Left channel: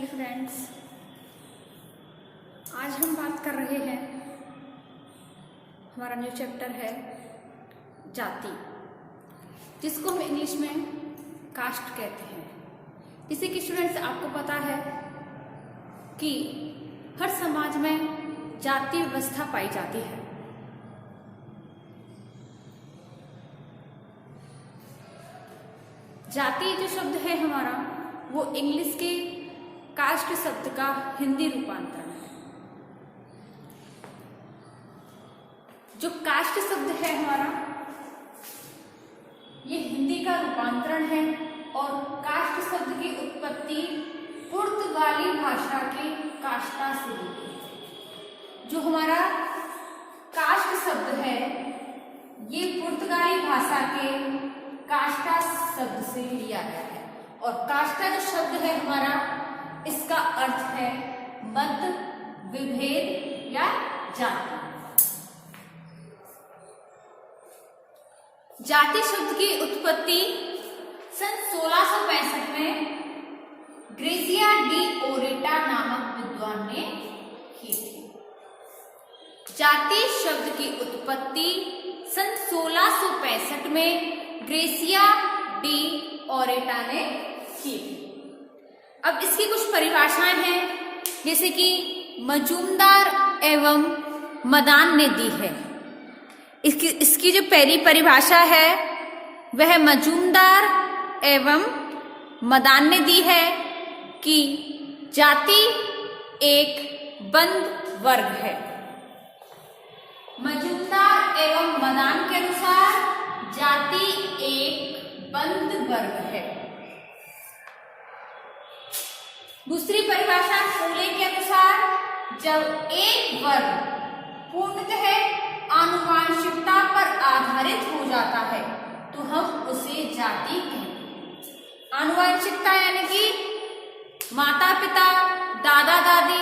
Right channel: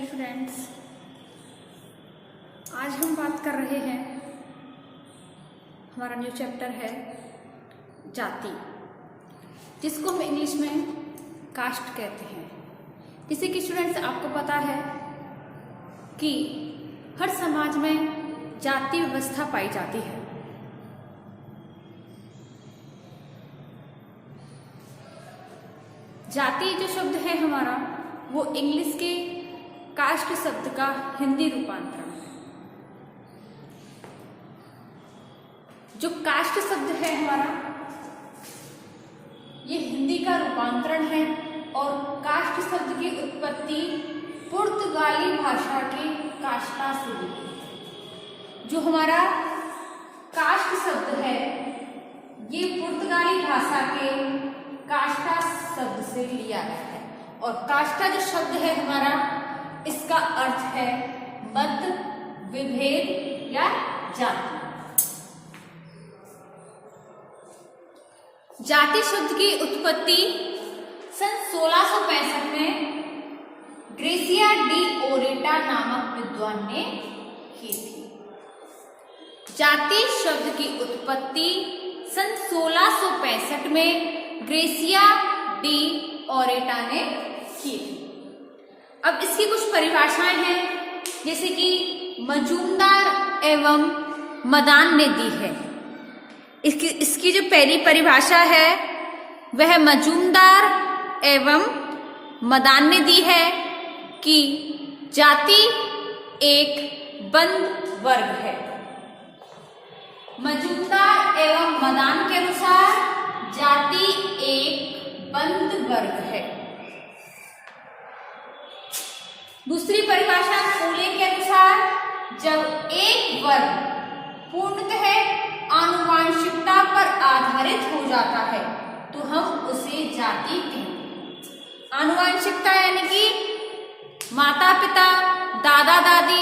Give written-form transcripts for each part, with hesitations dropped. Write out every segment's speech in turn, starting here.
Hello friends, आज हम बात कर रहे हैं। हमारा न्यू चैप्टर है जाति, जिसको हम इंग्लिश में कास्ट कहते हैं। जैसे कि स्टूडेंट्स, आपको पता है कि हर समाज में जाति व्यवस्था पाई जाती है। जाति जो शब्द है हमारा, वो इंग्लिश के कास्ट शब्द का हिंदी रूपांतरण है। जो कास्ट शब्द है हमारा, ये हिंदी का रूपांतरण है और कास्ट शब्द की उत्पत्ति पुर्तगाली भाषा के कास्टा से हुई है। जो हमारा कास्ट शब्द है, ये पुर्तगाली भाषा के कास्टा शब्द से लिया गया है। और कास्टा जो शब्द है हमारा, इसका अर्थ है मत, विभेद या जाति। जाति शब्द की उत्पत्ति सन 1665 में ग्रेसिया डी ओरेटा नामक विद्वान ने की थी। जाति शब्द की उत्पत्ति सन 1665 में ग्रेसिया डी ओरेटा ने की थी। अब इसकी कुछ परिभाषाएं हैं, जैसे कि मजूमदार एवं मदान ने दी है। इसकी जो पहली परिभाषा है वह मजूमदार एवं मदान ने दी है कि जाति एक बंद वर्ग है। मजूमदार एवं मदान के अनुसार जाति एक बंद वर्ग है। दूसरी परिभाषा फूले के अनुसार, जब एक वर्ग पूर्णतः आनुवांशिकता पर आधारित हो जाता है तो हम उसे जाति कहते हैं। आनुवांशिकता यानी कि माता पिता, दादा दादी,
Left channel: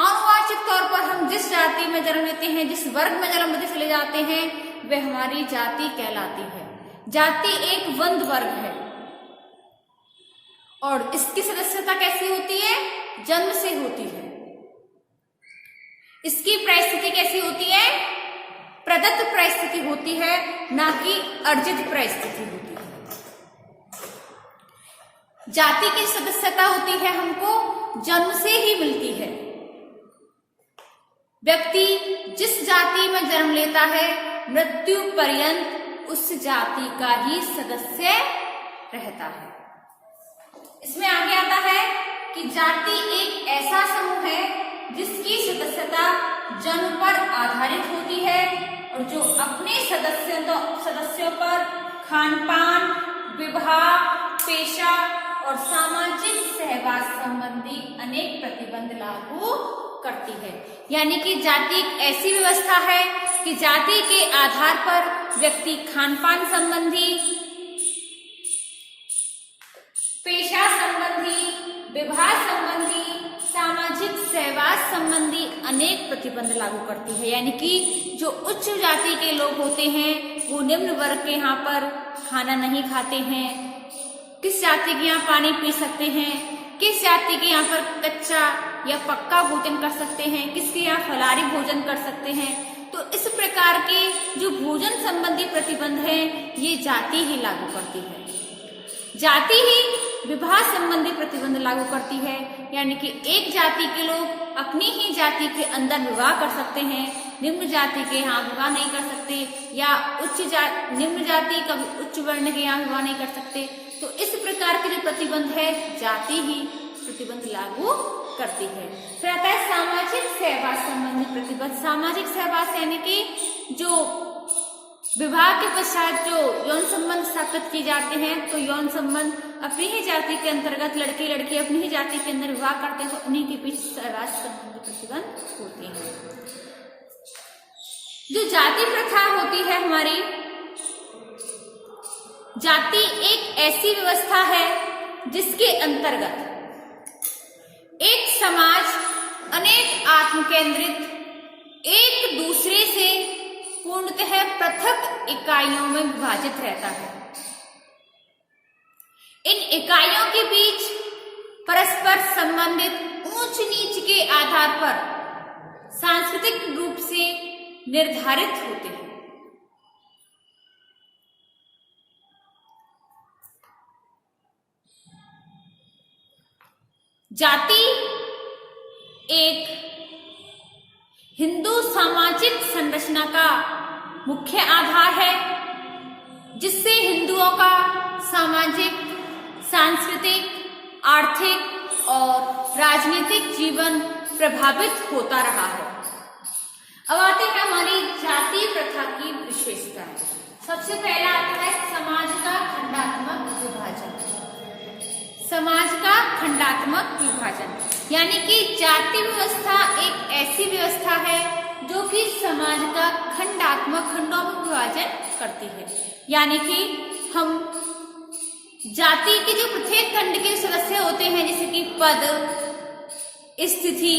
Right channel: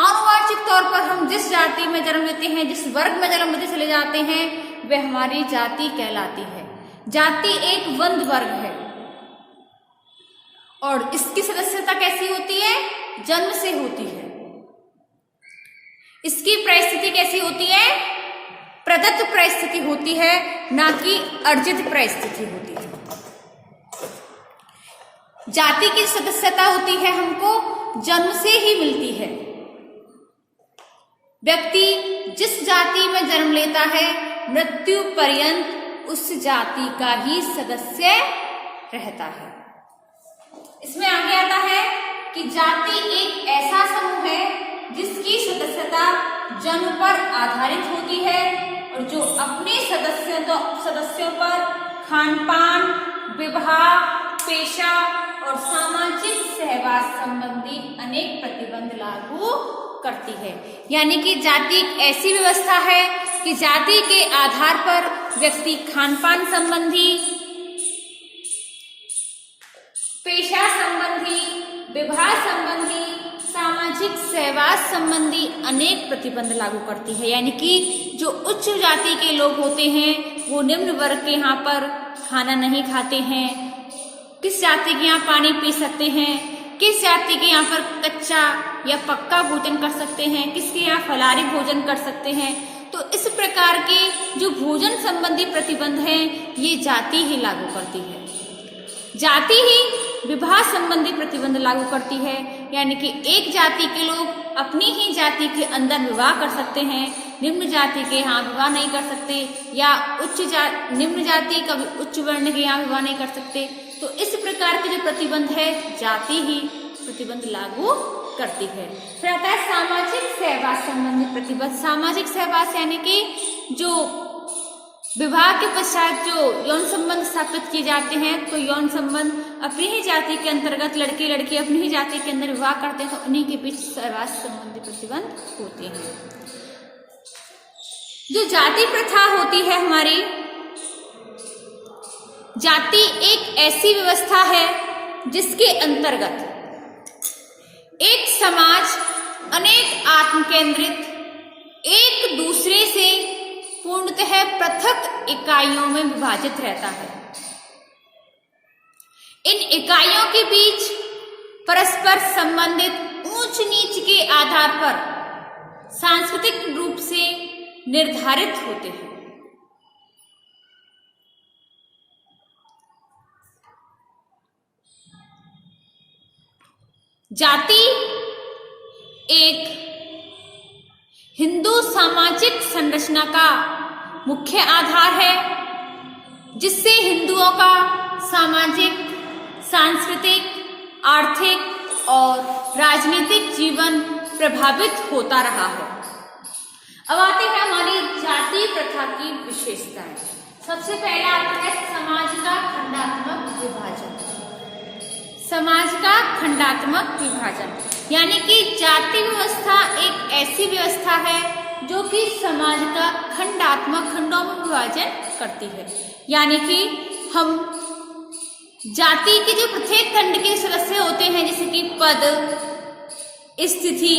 आनुवांशिक तौर पर हम जिस जाति में जन्म लेते हैं, जिस वर्ग में जन्म लेते चले जाते हैं, वह हमारी जाति कहलाती है। जाति एक बंद वर्ग है और इसकी सदस्यता कैसी होती है? जन्म से होती है। इसकी परिस्थिति कैसी होती है? प्रदत्त परिस्थिति होती है, ना कि अर्जित परिस्थिति होती है। जाति की सदस्यता होती है हमको जन्म से ही मिलती है। व्यक्ति जिस जाति में जन्म लेता है, मृत्यु पर्यंत उस जाति का ही सदस्य रहता है। इसमें आगे आता है कि जाति एक ऐसा समूह है जिसकी सदस्यता जन्म पर आधारित होती है और जो अपने सदस्यों पर खानपान, विवाह, पेशा और सामाजिक सहवास संबंधी अनेक प्रतिबंध लागू करती है। यानी कि जाति एक ऐसी व्यवस्था है कि जाति के आधार पर व्यक्ति खानपान संबंधी, पेशा संबंधी, विवाह संबंधी, सामाजिक सहवास संबंधी अनेक प्रतिबंध लागू करती है। यानी कि जो उच्च जाति के लोग होते हैं वो निम्न वर्ग के यहाँ पर खाना नहीं खाते हैं। किस जाति के यहाँ पानी पी सकते हैं, किस जाति के यहाँ पर कच्चा या पक्का भोजन कर सकते हैं, किसके यहाँ फलाहारी भोजन कर सकते हैं। तो इस प्रकार के जो भोजन संबंधी प्रतिबंध हैं, ये जाति ही लागू करती है। जाति ही विवाह संबंधी प्रतिबंध लागू करती है। यानी कि एक जाति के लोग अपनी ही जाति के अंदर विवाह कर सकते हैं, निम्न जाति के यहाँ विवाह नहीं कर सकते, या निम्न जाति कभी उच्च वर्ण के यहाँ विवाह नहीं कर सकते। तो इस प्रकार के जो प्रतिबंध है, जाति ही प्रतिबंध लागू करती है। फिर आता है सामाजिक सहवास संबंधी प्रतिबंध। सामाजिक सहवास यानी कि जो विवाह के पश्चात जो यौन संबंध स्थापित किए जाते हैं, तो यौन संबंध अपनी ही जाति के अंतर्गत लड़के लड़की अपनी ही जाति के अंदर विवाह करते हैं, तो उन्हीं के बीच सहवास संबंधी प्रतिबंध होते हैं। जो जाति प्रथा होती है हमारी, जाति एक ऐसी व्यवस्था है जिसके अंतर्गत एक समाज अनेक आत्म केंद्रित, एक दूसरे से पूर्णतः पृथक इकाइयों में विभाजित रहता है। इन इकाइयों के बीच परस्पर संबंधित ऊंच नीच के आधार पर सांस्कृतिक रूप से निर्धारित होते हैं। जाति एक हिंदू सामाजिक संरचना का मुख्य आधार है, जिससे हिंदुओं का सामाजिक, सांस्कृतिक, आर्थिक और राजनीतिक जीवन प्रभावित होता रहा है। अब आते हैं हमारी जाति प्रथा की विशेषताएं। सबसे पहला आता है समाज का खंडात्मक विभाजन। समाज का खंडात्मक विभाजन यानी कि जाति व्यवस्था एक ऐसी व्यवस्था है जो कि समाज का खंडात्मक खंडों में विभाजन करती है। यानी कि हम जाति के जो प्रत्येक खंड के सदस्य होते हैं, जैसे कि पद, स्थिति,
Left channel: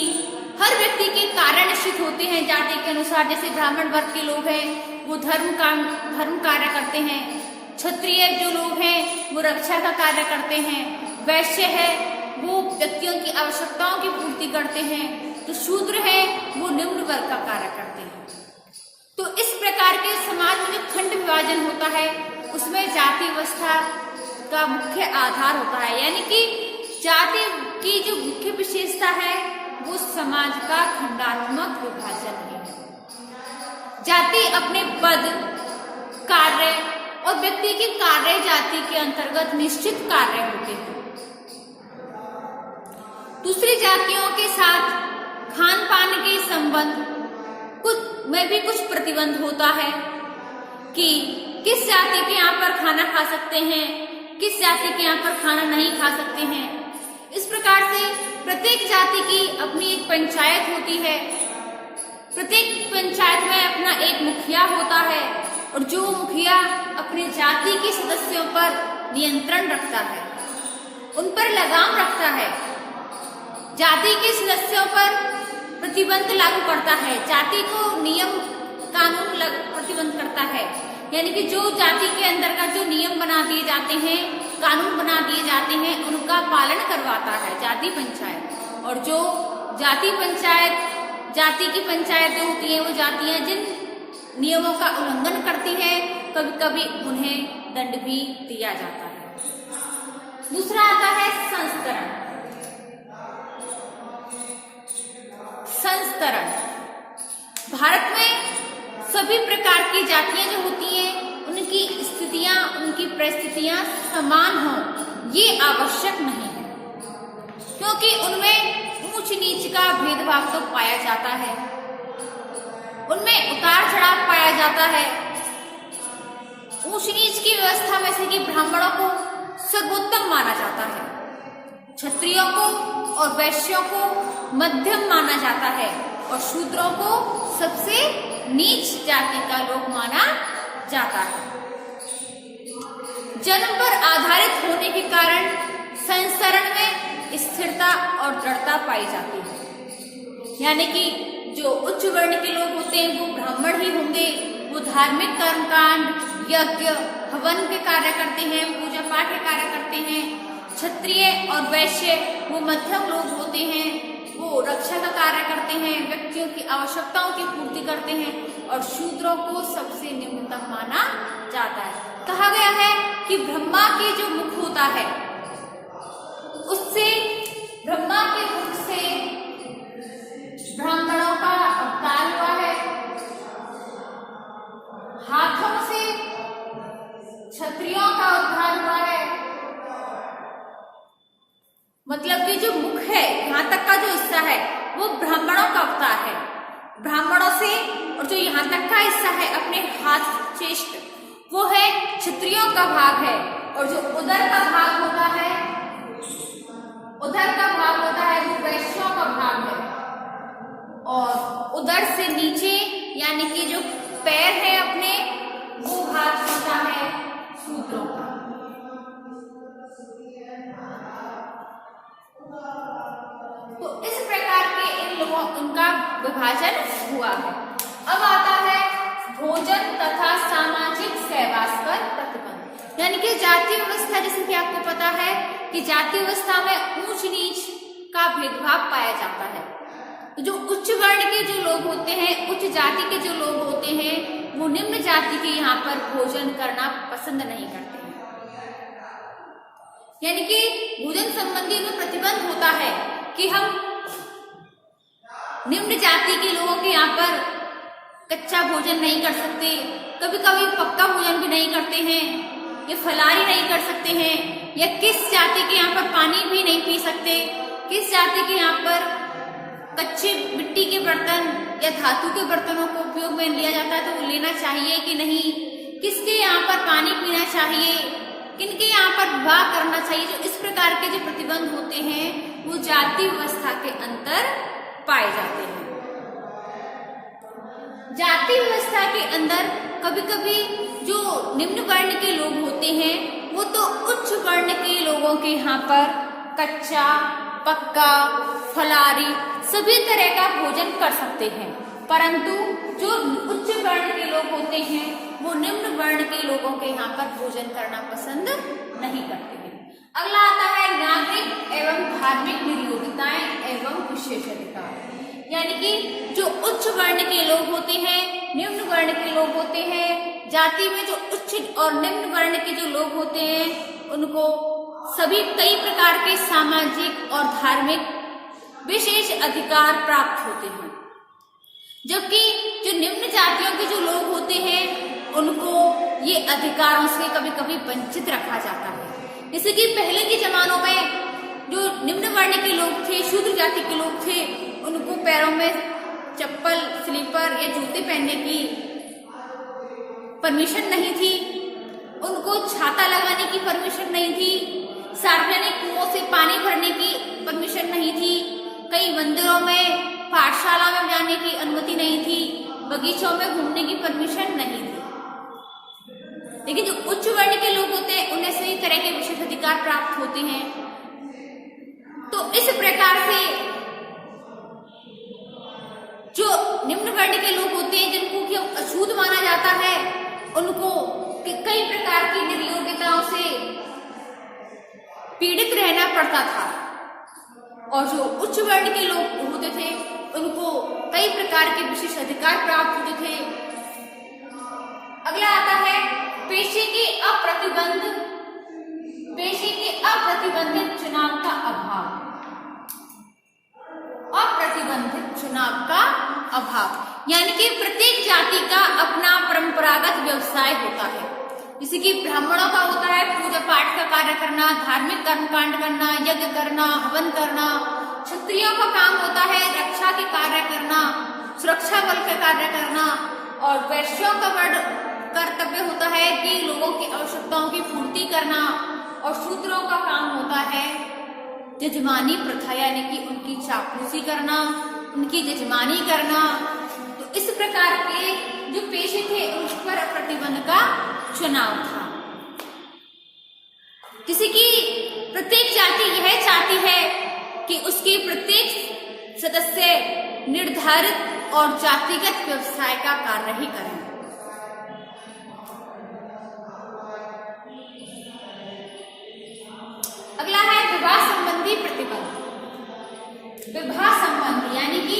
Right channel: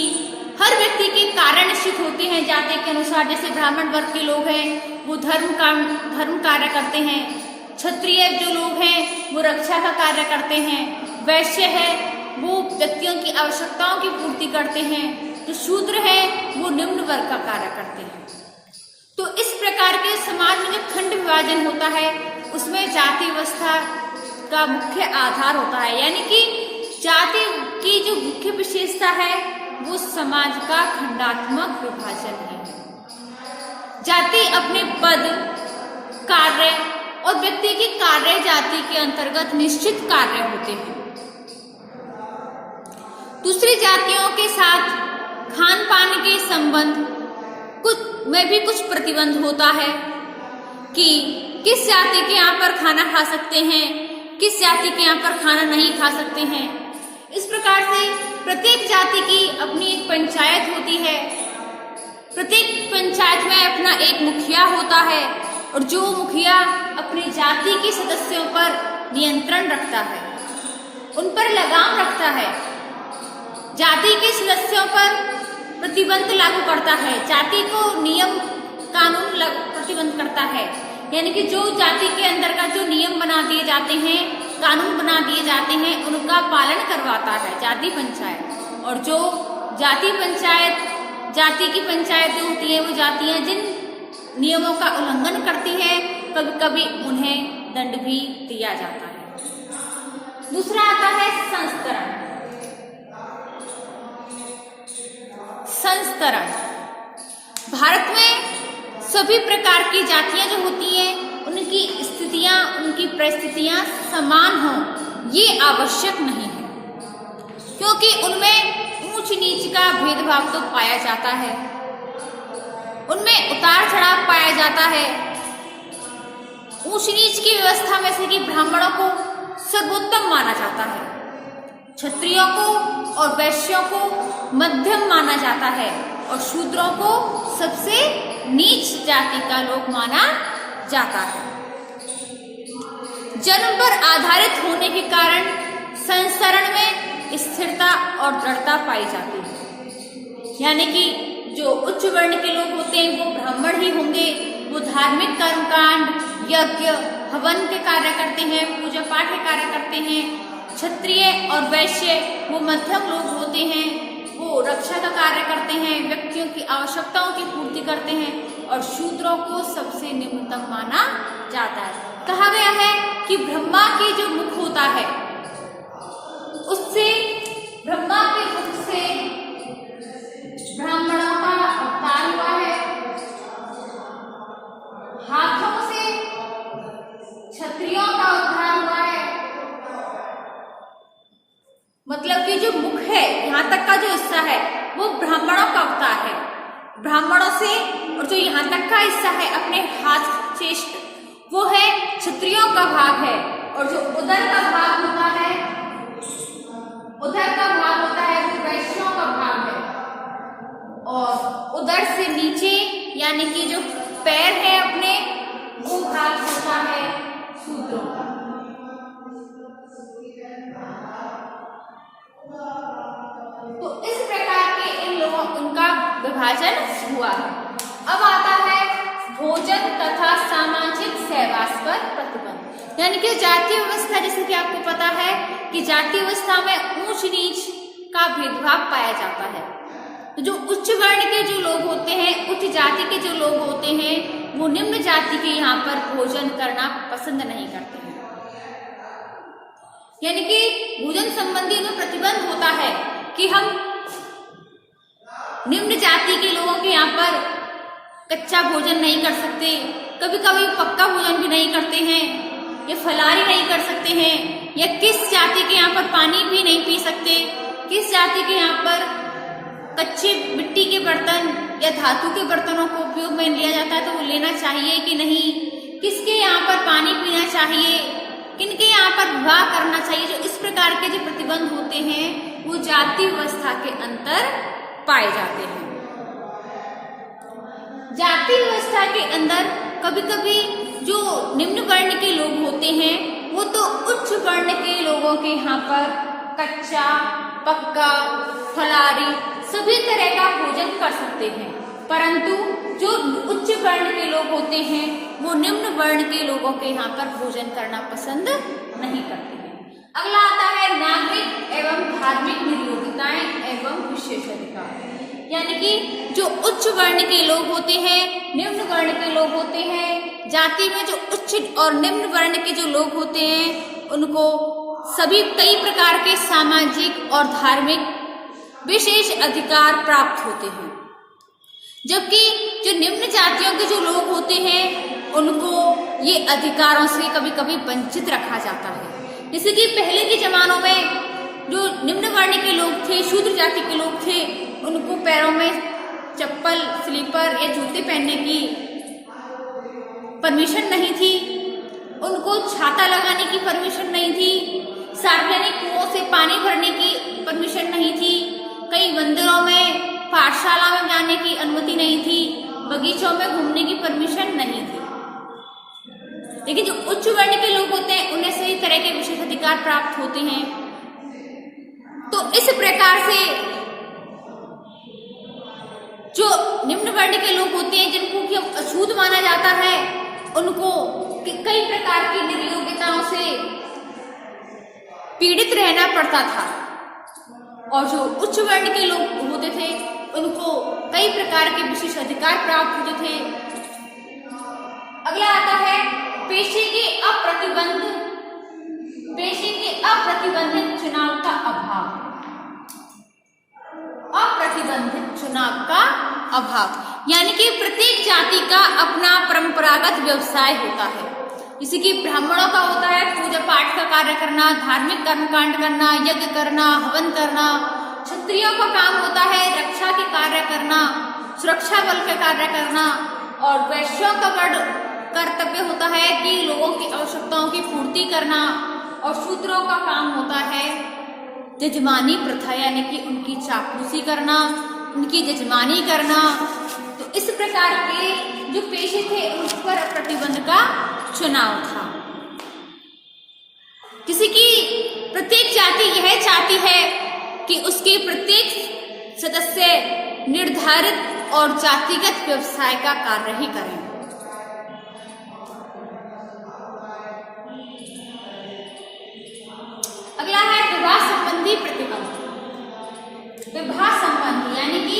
हर व्यक्ति के कार्य निश्चित होते हैं जाति के अनुसार। जैसे ब्राह्मण वर्ग के लोग हैं वो धर्म कार्य करते हैं, क्षत्रिय जो लोग हैं वो रक्षा का कार्य करते हैं, वैश्य है वो व्यक्तियों की आवश्यकताओं की पूर्ति करते हैं, तो शूद्र है वो निम्न वर्ग का कार्य करते हैं। तो इस प्रकार के समाज में जो खंड विभाजन होता है उसमें जाति व्यवस्था का मुख्य आधार होता है। यानी कि जाति की जो मुख्य विशेषता है वो समाज का खंडात्मक विभाजन है। जाति अपने पद, कार्य और व्यक्ति के कार्य जाति के अंतर्गत निश्चित कार्य होते हैं। दूसरी जातियों के साथ खान पान के संबंध में भी कुछ प्रतिबंध होता है कि किस जाति के यहाँ पर खाना खा सकते हैं, किस जाति के यहाँ पर खाना नहीं खा सकते हैं। इस प्रकार से प्रत्येक जाति की अपनी एक पंचायत होती है, प्रत्येक पंचायत में अपना एक मुखिया होता है और जो मुखिया अपनी जाति के सदस्यों पर नियंत्रण रखता है, उन पर लगाम रखता है, जाति के सदस्यों पर प्रतिबंध लागू करता है, जाति को नियम कानून प्रतिबंध करता है। यानी कि जो जाति के अंदर का जो नियम बना दिए जाते हैं, कानून बना दिए जाते हैं, उनका पालन करवाता है जाति पंचायत। और जो जाति की पंचायत जो होती है वो जातियां जिन नियमोné का उल्लंघन करती है कभी कभी उन्हें दंड भी दिया जाता है। दूसरा आता है संस्तरण। भारत में सभी प्रकार की जातियां जो होती हैं उनकी स्थितियां, उनकी परिस्थितियां समान हों ये आवश्यक नहीं है, क्योंकि उनमें ऊंच नीच का भेदभाव तो पाया जाता है, उनमें उतार चढ़ाव पाया जाता है। ऊंच नीच की व्यवस्था में से कि ब्राह्मणों को सर्वोत्तम माना जाता है, क्षत्रियों को और वैश्यों को मध्यम माना जाता है और शूद्रों को सबसे नीच जाति का लोग माना जाता है। जन्म पर आधारित होने के कारण संसरण में स्थिरता और दृढ़ता पाई जाती है। यानी कि जो उच्च वर्ण के लोग होते हैं वो ब्राह्मण ही होंगे, वो धार्मिक कर्मकांड, यज्ञ, हवन के कार्य करते हैं, पूजा पाठ के कार्य करते हैं। क्षत्रिय और वैश्य वो मध्यम लोग होते हैं, वो रक्षा का कार्य करते हैं, व्यक्तियों की आवश्यकताओं की पूर्ति करते हैं और शूद्रों को सबसे निम्नतम माना जाता है। कहा गया है कि ब्रह्मा के जो मुख होता है उससे, ब्रह्मा के मुख से ब्राह्मणों का अवतार हुआ है, हाथों से क्षत्रियों का उद्धार हुआ है। मतलब कि जो मुख है, यहाँ तक का जो हिस्सा है वो ब्राह्मणों का अवतार है, ब्राह्मणों से, और जो यहाँ तक का हिस्सा है अपने हाथ चेष्ट वो है क्षत्रियों का भाग है, और जो उदर का भाग होता है, उदर का भाग होता है वो वैश्यों का भाग है, और उदर से नीचे यानी कि जो पैर है अपने वो भाग होता है शूद्रों का। तो इस प्रकार के इन लोगों उनका विभाजन हुआ है। अब आता है भोजन तथा सामाजिक सेवा प्रयास पर प्रतिबंध। यानी कि जातीय व्यवस्था, जैसे कि आपको पता है कि जातीय व्यवस्था में ऊंच नीच का भेदभाव पाया जाता है। जो उच्च वर्ण के जो लोग होते हैं, उच्च जाति के जो लोग होते हैं, वो निम्न जाति के यहाँ पर भोजन करना पसंद नहीं करते हैं। यानी कि भोजन संबंधी में प्रतिबंध होता है कि हम निम्न जाति के लोगों के यहाँ पर कच्चा भोजन नहीं कर सकते, कभी कभी पक्का भोजन भी नहीं करते हैं, या फलाहारी नहीं कर सकते हैं, या किस जाति के यहाँ पर पानी भी नहीं पी सकते, किस जाति के यहाँ पर कच्चे मिट्टी के बर्तन या धातु के बर्तनों को उपयोग में लिया जाता है तो वो लेना चाहिए कि नहीं, किसके यहाँ पर पानी पीना चाहिए, किनके यहाँ पर विवाह करना चाहिए। जो इस प्रकार के जो प्रतिबंध होते हैं वो जाति व्यवस्था के अंतर पाए जाते हैं। जाति व्यवस्था के अंदर कभी कभी जो निम्न वर्ण के लोग होते हैं वो तो उच्च वर्ण के लोगों के यहाँ पर कच्चा, पक्का, फलाहारी सभी तरह का भोजन कर सकते हैं, परंतु जो उच्च वर्ण के लोग होते हैं वो निम्न वर्ण के लोगों के यहाँ पर भोजन करना पसंद नहीं करते हैं। अगला आता है नागरिक एवं धार्मिक निर्योग्यताएं एवं विशेषाधिकार। यानी कि जो उच्च वर्ण के लोग होते हैं, निम्न वर्ण के लोग होते हैं, जाति में जो उच्च और निम्न वर्ण के जो लोग होते हैं उनको सभी कई प्रकार के सामाजिक और धार्मिक विशेष अधिकार प्राप्त होते हैं, जबकि जो निम्न जातियों के जो लोग होते हैं उनको ये अधिकारों से कभी कभी वंचित रखा जाता है। जैसे कि पहले के जमानों में जो निम्न वर्ण के लोग थे, शूद्र जाति के लोग थे, उनको पैरों में चप्पल, स्लीपर या जूते पहनने की परमिशन नहीं थी, उनको छाता लगाने की परमिशन नहीं थी, सार्वजनिक कुओं से पानी भरने की परमिशन नहीं थी, कई मंदिरों में, पाठशाला में जाने की अनुमति नहीं थी, बगीचों में घूमने की परमिशन नहीं थी। लेकिन जो उच्च वर्ण के लोग होते हैं उन्हें सही तरह के विशेष अधिकार प्राप्त होते हैं। तो इस प्रकार से जो निम्न वर्ण के लोग होते हैं जिनको कि अछूत माना जाता है, उनको कई प्रकार की निर्योग्यताओं से पीड़ित रहना पड़ता था, और जो उच्च वर्ण के लोग होते थे उनको कई प्रकार के विशेष अधिकार प्राप्त होते थे। अगला आता है पेशे के अप्रतिबंधित चुनाव का अभाव। अप्रतिबंधित चुनाव का अभाव यानी कि प्रत्येक जाति का अपना परंपरागत व्यवसाय होता है। जैसे कि ब्राह्मणों का होता है पूजा पाठ का कार्य करना, धार्मिक कर्मकांड करना, यज्ञ करना, हवन करना। क्षत्रियों का काम होता है रक्षा के कार्य करना, सुरक्षा बल के कार्य करना। और वैश्यों का कर्तव्य होता है कि लोगों की आवश्यकताओं की पूर्ति करना। और शूद्रों का काम होता है जजमानी प्रथा यानी कि उनकी चापलूसी करना, उनकी जजमानी करना। तो इस प्रकार के जो पेशे थे उस पर प्रतिबंध का चुनाव था। किसी की प्रत्येक जाति यह चाहती है कि उसकी प्रत्येक सदस्य निर्धारित और जातिगत व्यवसाय का कार्य ही करें। अगला है विवाह संबंधी प्रतिबंध। विवाह संबंधी यानी कि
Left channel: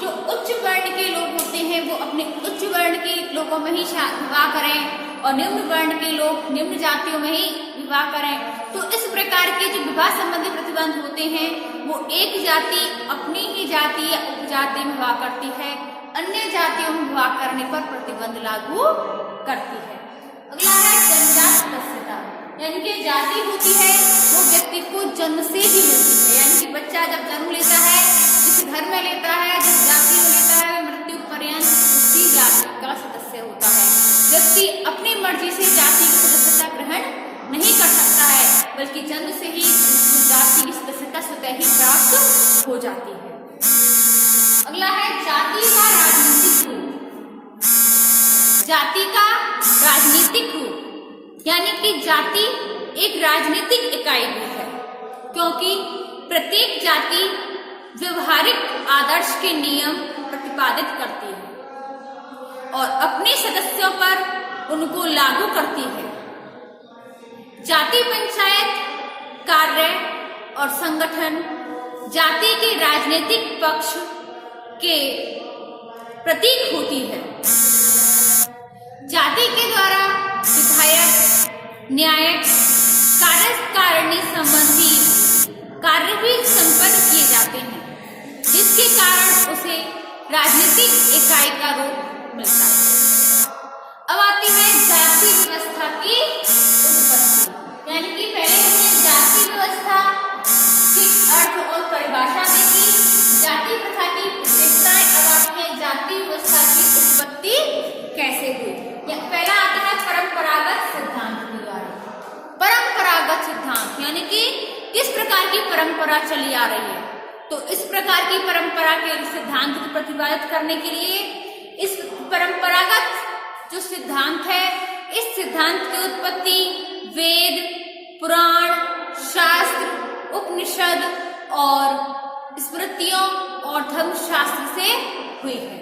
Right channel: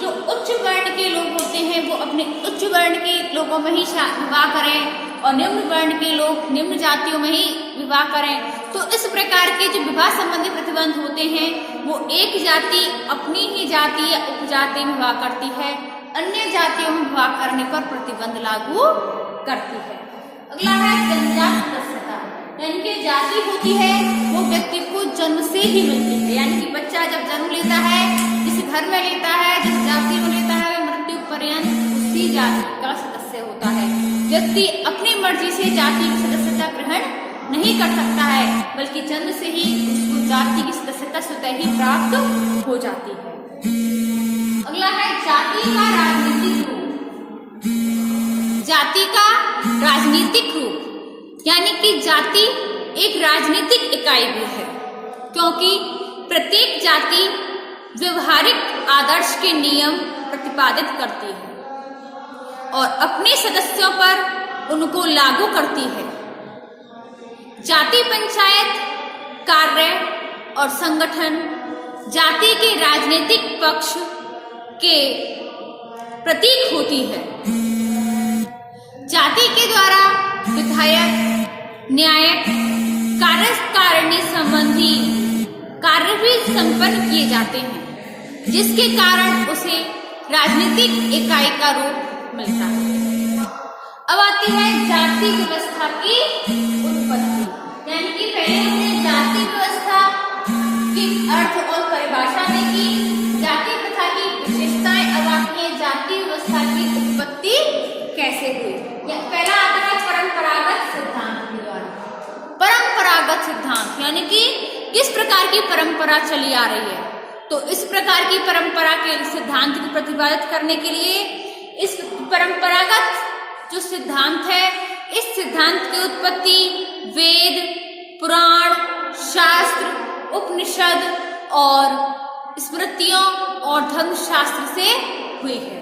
जो उच्च वर्ण के लोग होते हैं वो अपने उच्च वर्ण के लोगों में ही विवाह करें और निम्न वर्ण के लोग निम्न जातियों में ही विवाह करें। तो इस प्रकार के जो विवाह संबंधी प्रतिबंध होते हैं वो एक जाति अपनी ही जाति या उपजाति में विवाह करती है, अन्य जातियों में विवाह करने पर प्रतिबंध लागू करती है। अगला है जन्मजात सदस्यता यानी कि जाति होती है वो व्यक्ति को जन्म से ही मिलती है। यानी कि बच्चा जब जन्म लेता है, जिस घर में लेता है, जिस जाति में लेता है, मृत्यु पर्यंत उसी जाति का सदस्य होता है। व्यक्ति अपनी मर्जी से जाति की सदस्यता ग्रहण नहीं कर सकता है, बल्कि जन्म से ही उसको जाति की सदस्यता स्वतः ही प्राप्त हो जाती है। अगला है जाति का राजनीतिक रूप। जाति का राजनीतिक रूप यानी कि जाति एक राजनीतिक इकाई भी है, क्योंकि प्रत्येक जाति व्यवहारिक आदर्श के नियम प्रतिपादित करती है और अपने सदस्यों पर उनको लागू करती है। जाति पंचायत कार्य और संगठन जाति के राजनीतिक पक्ष के प्रतीक होती है। जाति के द्वारा विधायक, न्यायिक, कार्यकारिणी संबंधी कार्य भी संपन्न किए जाते हैं, जिसके कारण उसे राजनीतिक इकाई का रूप मिलता है। अब आती है जाति व्यवस्था की उत्पत्ति, यानी कि पहले हमने जाति व्यवस्था की अर्थ और परिभाषा देखी, जाति प्रथा की विशेषताएं। अब आती है जाति व्यवस्था की उत्पत्ति कैसे हुई। पहला आता है परंपरागत सिद्धांत के द्वारा। परंपरागत सिद्धांत यानी कि किस प्रकार की परंपरा चली आ रही है, तो इस प्रकार की परंपरा के सिद्धांत को प्रतिपादित करने के लिए इस परंपरागत जो सिद्धांत है, इस सिद्धांत की उत्पत्ति वेद, पुराण, शास्त्र, उपनिषद और स्मृतियों और धर्मशास्त्र से हुई है।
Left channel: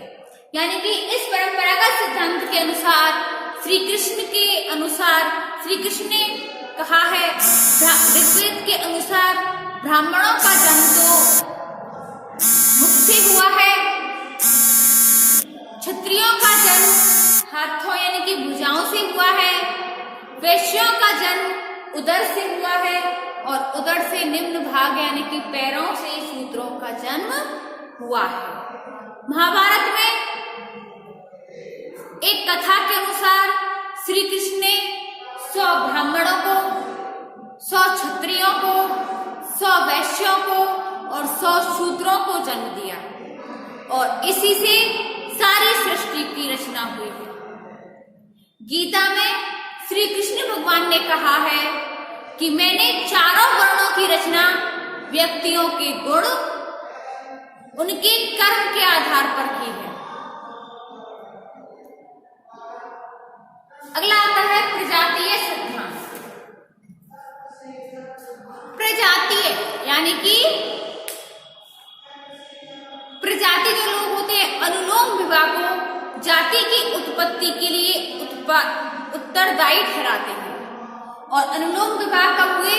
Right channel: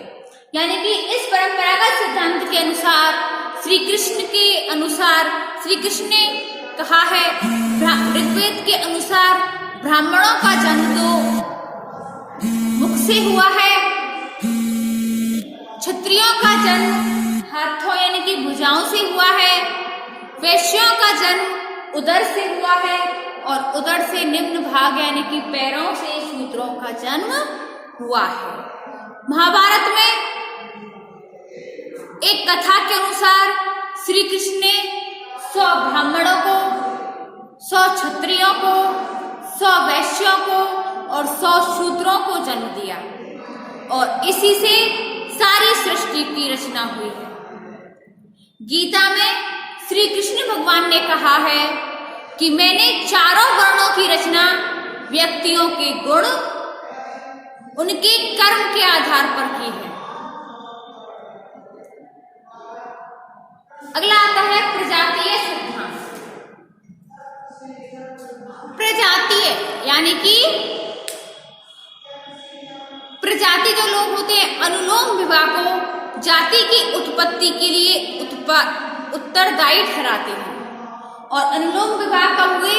यानी कि इस परंपरागत सिद्धांत के अनुसार श्री कृष्ण के अनुसार, श्री कृष्ण ने कहा है, ऋग्वेद के अनुसार ब्राह्मणों का जन्म तो मुख से हुआ है, क्षत्रियों का जन्म हाथों यानी कि भुजाओं से हुआ है, वैश्यों का जन्म उदर से हुआ है और उदर से निम्न भाग यानी कि पैरों से शूद्रों का जन्म हुआ है। महाभारत में एक कथा के अनुसार श्री कृष्ण ने 100 ब्राह्मणों को, 100 क्षत्रियों को, 100 वैश्यों को और 100 शूद्रों को जन्म दिया और इसी से सारी सृष्टि की रचना हुई है। गीता में श्री कृष्ण भगवान ने कहा है कि मैंने चारों वर्णों की रचना व्यक्तियों के गुण, उनके कर्म के आधार पर की है। अगला आता है प्रजातीय सिद्धांत। प्रजातीय यानी कि प्रजाति जो लोग होते हैं, अनुलोम विवाह को जाति की उत्पत्ति के लिए उत्तरदायी ठहराते हैं। और अनुलोम विवाह कब हुए?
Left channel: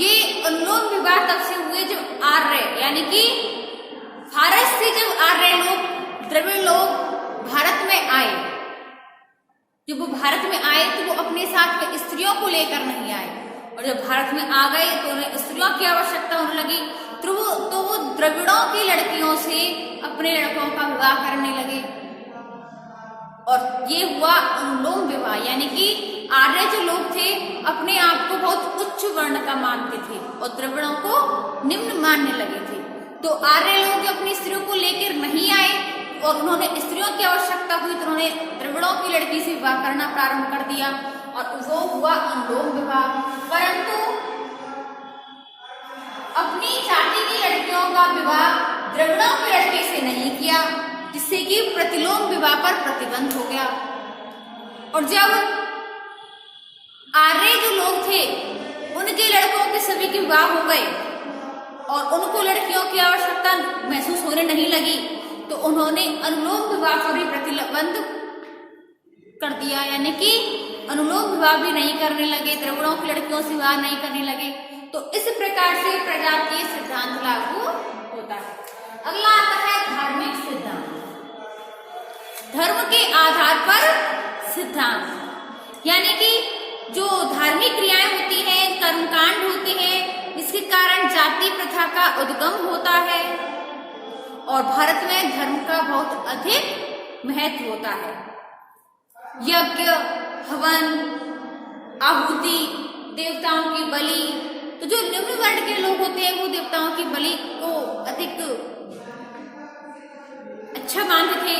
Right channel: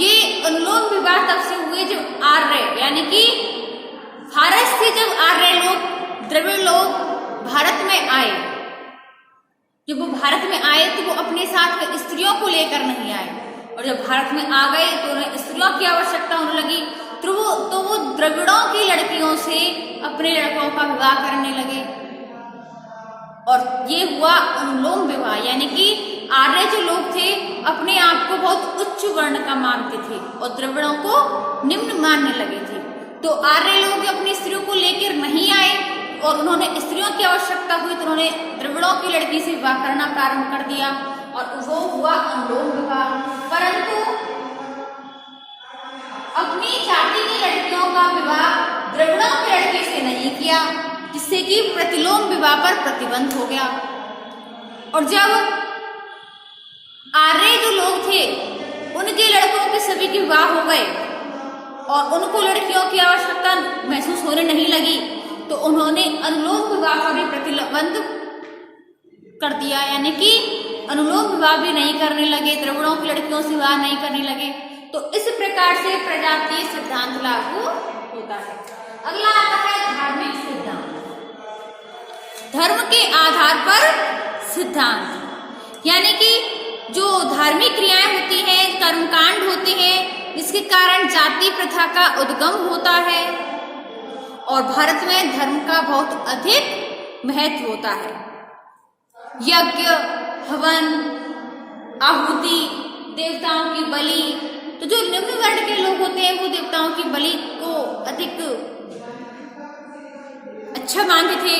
ये अनुलोम विवाह तब से हुए जब आर्य यानी कि भारत से जब आर्य लोग, द्रविड़ लोग भारत में आए, जब वो भारत में आए तो वो अपने साथ में स्त्रियों को लेकर नहीं आए, और जब भारत में आ गए तो उन्हें स्त्रियों की आवश्यकता होने लगी, तो वो द्रविड़ों की लड़कियों से अपने लड़कों का विवाह करने लगे और ये हुआ अनुलोम विवाह। यानी कि आर्य जो लोग थे अपने आप को बहुत उच्च वर्ण का मानते थे और द्रविड़ों को निम्न मानने लगे थे। तो आर्य लोग जो अपनी स्त्रियों को लेकर नहीं आए और उन्होंने स्त्रियों की आवश्यकता हुई तो उन्होंने द्रविड़ों की लड़की से विवाह करना प्रारंभ कर दिया और वो हुआ अनुलोम विवाह। परंतु अपनी जाति की लड़कियों का विवाह द्रविड़ों की लड़की से नहीं किया, जिससे कि प्रतिलोम विवाह पर प्रतिबंध हो गया। और जब आर्य जो लोग थे उनके लड़कों के सभी के विवाह हो गए और उनको लड़कियों की आवश्यकता महसूस होने नहीं लगी, तो उन्होंने अनुलोम विवाह पर भी प्रतिबंध कर दिया। यानी कि अनुलोम विवाह भी नहीं करने लगे, द्रविड़ों की लड़कियों से विवाह नहीं करने लगे। तो इस प्रकार से प्रजातीय सिद्धांत लागू होता है। अगला आता है धार्मिक सिद्धांत। धर्म के आधार पर सिद्धांत, यानी कि जो धार्मिक क्रियाएं होती हैं, कर्मकांड होते हैं, जिसके कारण जाति प्रथा का उद्गम होता है और भारत में धर्म का बहुत अधिक महत्व होता है। यज्ञ, हवन, आहुति, देवताओं की बलि, तो जो निम्न वर्ण के लोग होते हैं वो देवताओं की बलि को अधिक अच्छा मानते थे।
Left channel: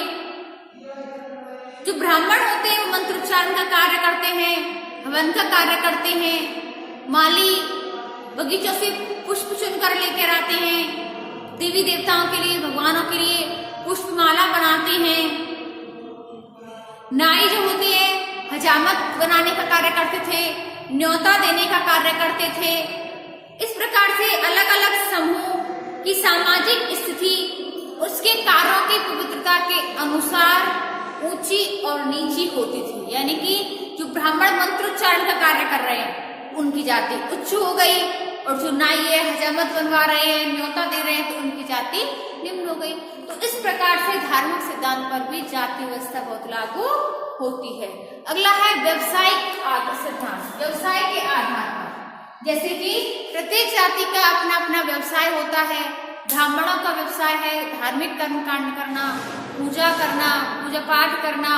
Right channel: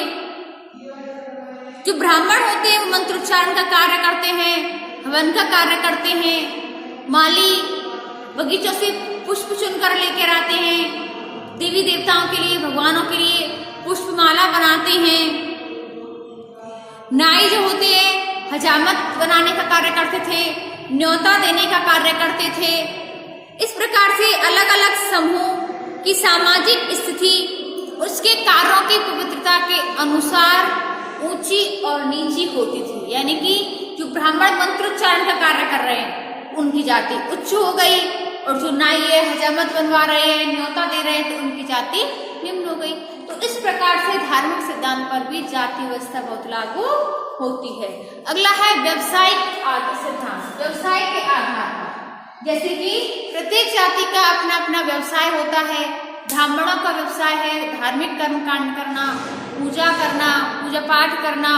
जो ब्राह्मण होते हैं वो मंत्रोच्चारण का कार्य करते हैं, हवन का कार्य करते हैं, माली बगीचों से पुष्प चुनकर लेकर आते हैं, देवी देवताओं के लिए, भगवानों के लिए पुष्पमाला बनाते हैं। न्यायी जो होते हैं हजामत बनाने का कार्य करते थे, न्योता देने का कार्य करते थे। इस प्रकार से अलग अलग समूह की सामाजिक स्थिति उसके कार्यों की पवित्रता के अनुसार ऊंची और नीची होती थी। यानी कि जो ब्राह्मण मंत्रोच्चारण का कार्य कर रहे हैं उनकी जाति उच्च हो गई, और जो नाई है, हजामत बनवा रहे हैं, न्योता दे रहे हैं, तो उनकी जाति निम्न हो गई। तो इस प्रकार से धार्मिक सिद्धांत पर भी जाति व्यवस्था बहुत लागू होती है। अगला है व्यवसायिक सिद्धांत। व्यवसाय के आधार पर, जैसे कि प्रत्येक जाति का अपना अपना व्यवसाय होता है। ब्राह्मणों का व्यवसाय है धार्मिक कर्म कांड करना, पूजा करना, पूजा पाठ करना,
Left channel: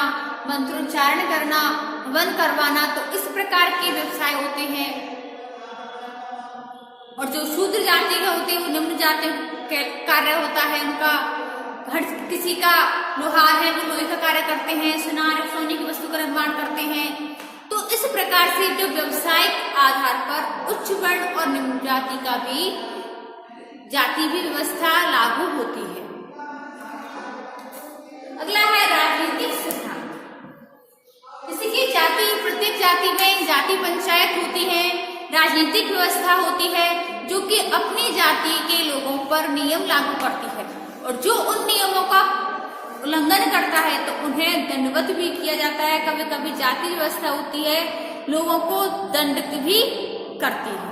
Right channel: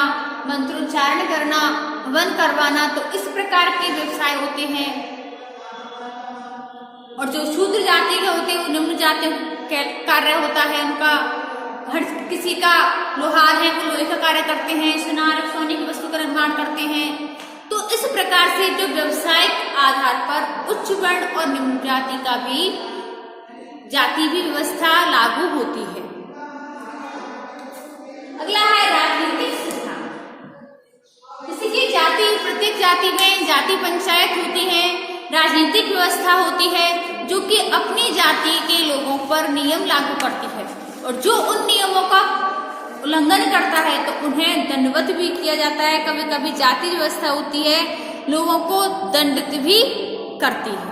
मंत्रोच्चारण करना, हवन करवाना, तो इस प्रकार के व्यवसाय होते हैं। और जो शूद्र जाति के होते हैं वो निम्न जाति का कार्य होता है उनका। हर किसी का लोहार है वो लोहे का कार्य करते हैं, सुनार सोने की वस्तु का निर्माण करते हैं। तो इस प्रकार से जो व्यवसायिक आधार पर उच्च वर्ण और निम्न जाति का भी जाति भी व्यवस्था लागू होती है। अगला है राजनीतिक सिद्धांत। जैसे कि जाति, प्रत्येक जाति में जाति पंचायत होती है, राजनीतिक व्यवस्था होती है जो कि अपनी जाति के लोगों पर नियम लागू करती है, और जो उन नियमों का उल्लंघन करता है तो उन्हें दंडवत भी किया जाता है। कभी कभी जाति व्यवस्था होती है लोगों को दंडित भी करती है।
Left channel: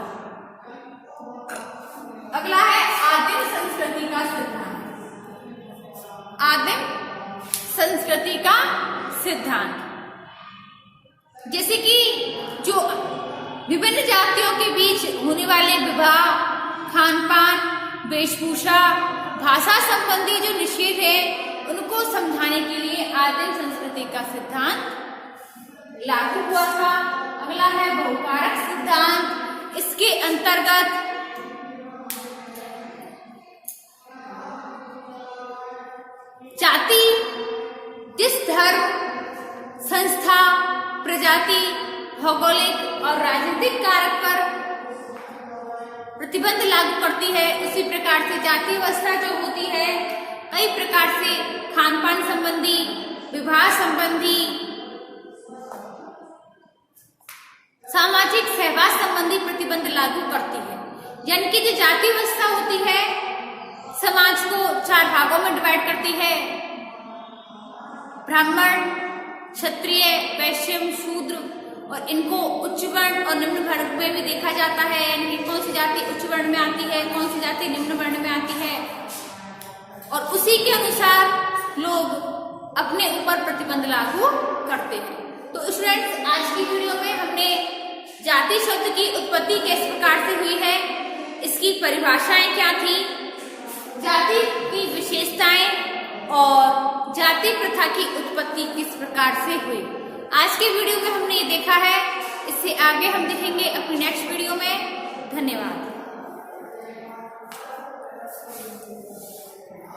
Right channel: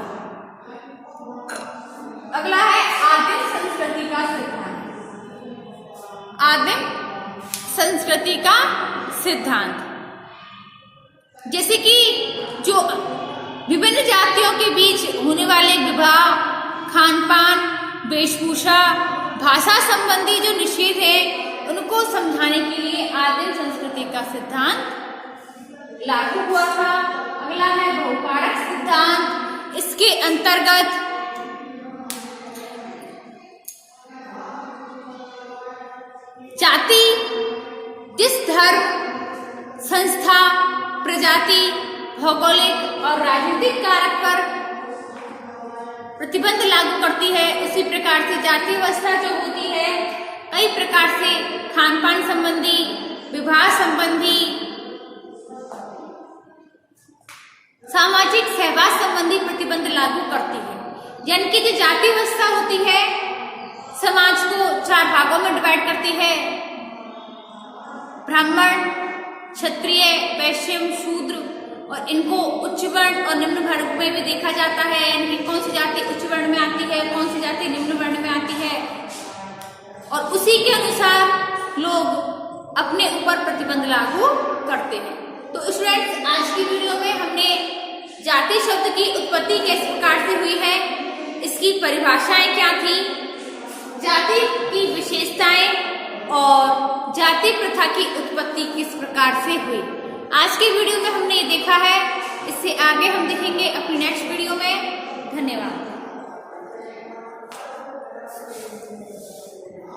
अगला है आदिम संस्कृति का सिद्धांत। आदिम संस्कृति का सिद्धांत, जैसे कि जो विभिन्न जातियों के बीच होने वाले विवाह, खान पान, वेशभूषा, भाषा संबंधी जो निषेध है उनको समझाने के लिए आदिम संस्कृति का सिद्धांत लागू हुआ था। अगला है बहुकारक सिद्धांत। इसके अंतर्गत जाति जिस धर्म, संस्था, प्रजाति, भौगोलिक और राजनीतिक कारक पर प्रतिबंध लागू करती है, उसी प्रकार से जाति व्यवस्था जो होती है कई प्रकार से खान पान संबंधी, विवाह संबंधी, सामाजिक सहवास संबंधी प्रतिबंध लागू करती है। यानी कि जो जाति व्यवस्था होती है समाज को 4 भागों में डिवाइड करती है। ब्राह्मण, क्षत्रिय, वैश्य, शूद्र, और इनको उच्च वर्ण और निम्न वर्ग में भी देखा जाता है। यानी कि कौन सी जाति उच्च वर्ण में आती है, कौन सी जाति निम्न वर्ण में आती है, और उसी के अनुसार लोग अपने ऊपर प्रतिबंध लागू करते हैं। तो स्टूडेंट्स, आज की वीडियो में हमने जाति शब्द की उत्पत्ति किस प्रकार से हुई है, इसकी परिभाषाएं क्या थी, जाति की विशेषताएं और जाति प्रथा की उत्पत्ति किस प्रकार से हुई, आज के वीडियो में हमने ये देखा है। इससे आगे हम देखेंगे अपनी नेक्स्ट वीडियो में।